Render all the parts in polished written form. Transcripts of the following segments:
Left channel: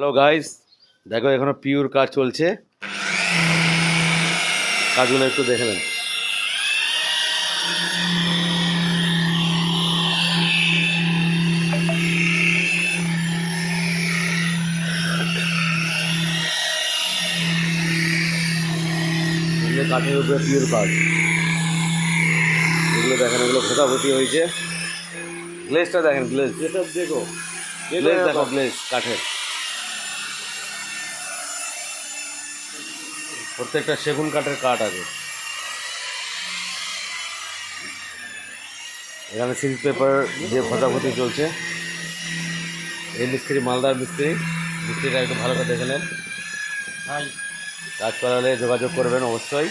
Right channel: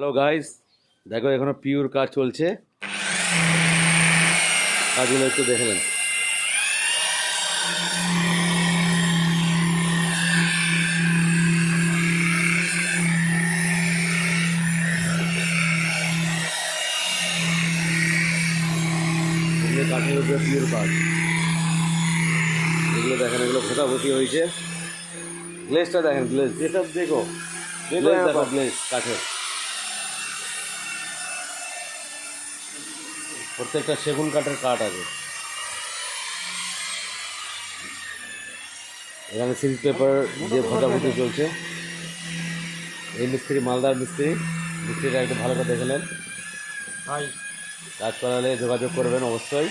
Hello guys, দেখো এখনো পিওর কাজ চলছে। কাজগুলো একটু দেখে নেন। এগুলো কাঠের উপরে পিওর কাজ। এগুলো দেখেন, এগুলো ভোতাভুতি হয়েছে। গ্লেজটা দেখেন, গ্লেজ দেখো, গ্লেজ দেখো, গ্লেজ কাঠের। প্রত্যেকটা সেগুন কাঠের কাঠ আছে। এখানে সিল্ক পেপার দিয়ে ভোতাভুতি চলছে। এই মিস্ত্রি মালদার মিস্ত্রি। মিস্ত্রিটা একটু ভালো করে দেখে নেন। কাজ করালে যোগাযোগ করবেন অবশ্যই।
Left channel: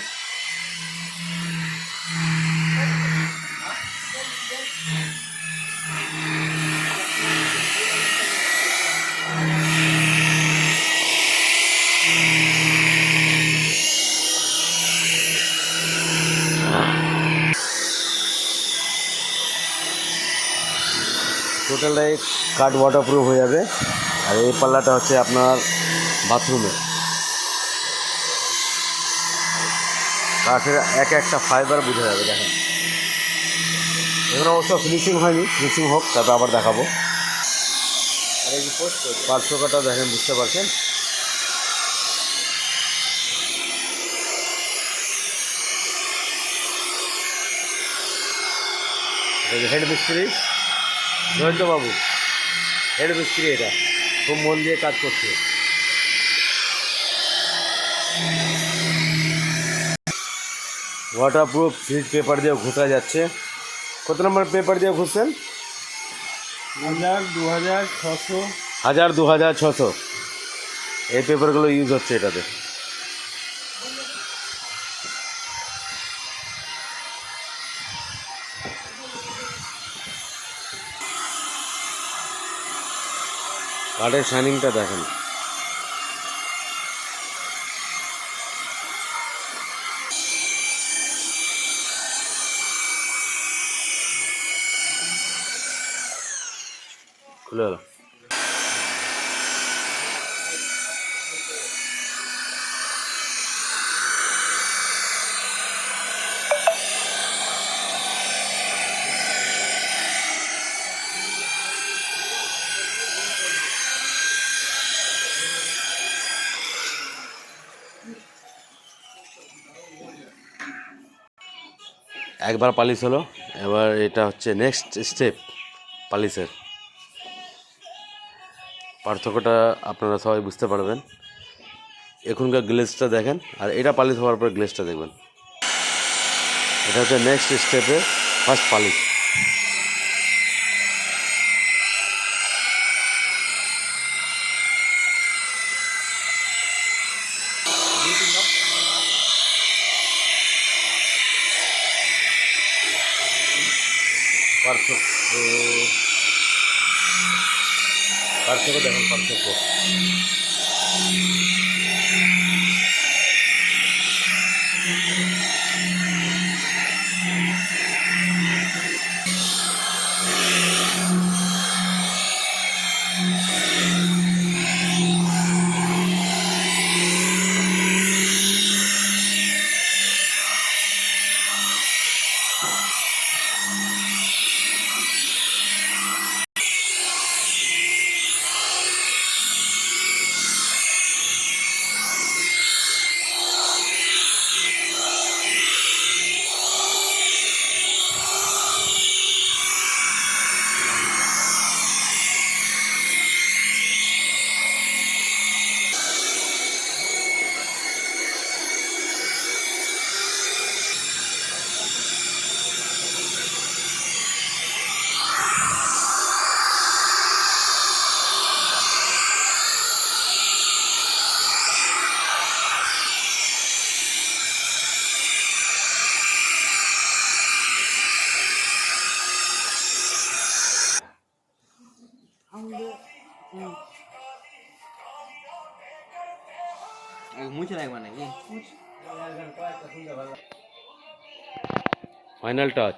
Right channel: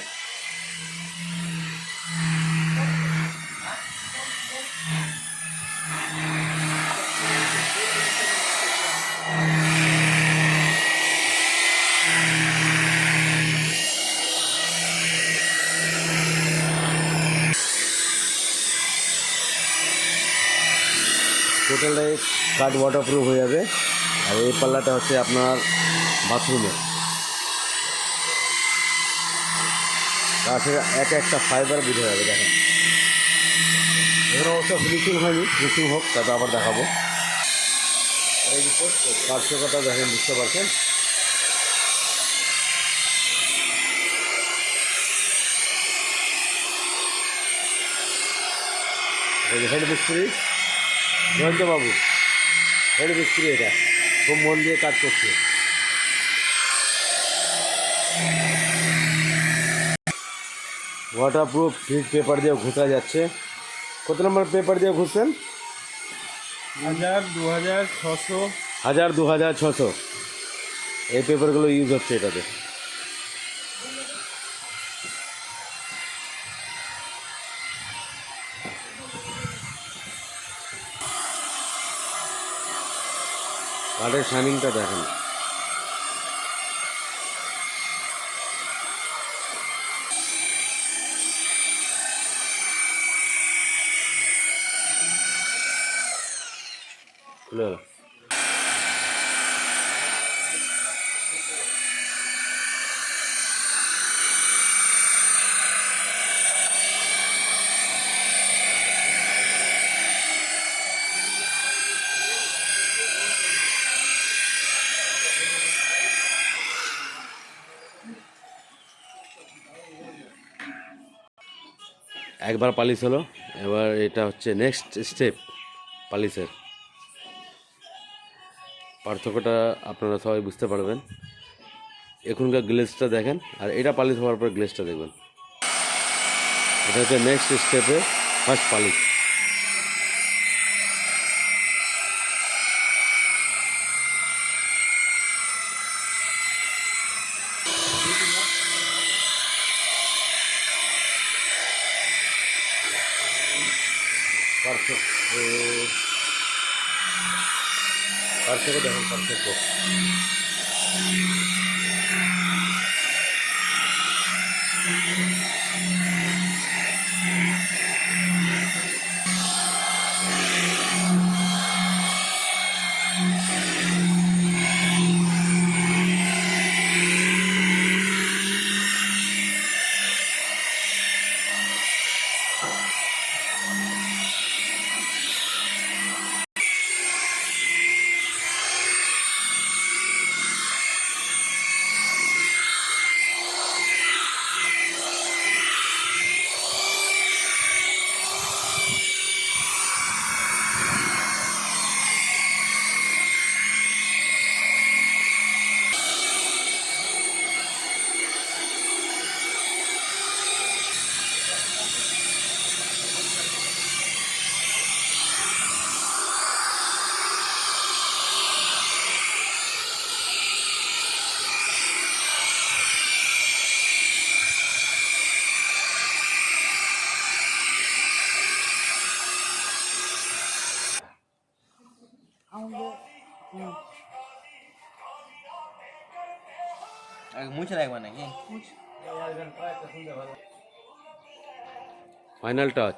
টোটালটাই কাঠ ওয়াটারপ্রুফ হয়ে যাবে। আর এই পাল্লাটা হচ্ছে আপনার বাথরুমের কাঠের এক একটা ফাইবার বোঝা যাবে। দেখেন, এখানে অবশ্য ফিনিশিং হয়নি, ফিনিশিং হোক তারপর আবার দেখাবো। আর এই যে পার্শ্বকাটা দেখেন, বুঝতে পারছেন। এই যে হেড মিস্ত্রি জয়ন্ত বাবু, হেড মিস্ত্রি, এটা খুব মন দিয়ে কাজ করছে। ওয়াটারপ্রুফ সিল্ক পেপার দিয়ে ঘষা যাচ্ছে। কত নম্বর পেপার দিয়ে ঘুরছেন? 1000, 2600। 1000, 2600 এই পেপারগুলো ইউজ হচ্ছে এটাতে। কাঠের শাইনিংটা দেখেন। খুলে গেল। একবার পালিশ হলো, এবার এটা হচ্ছে নেক্সট স্টেপ পালিশের। পার্থক্যটা আপনারা সবাই বুঝতে পারবেন। এখনকার গ্লেজটা দেখেন, আর এটা পালিশ হওয়ার পর গ্লেজটা দেখবেন। এটা হচ্ছে নেক্সট স্টেপে ফার্স্ট পালিশ। পার্থক্য পার্থক্য দেখেন, পার্থক্য। মুছে রাখবা নাকি? Final touch.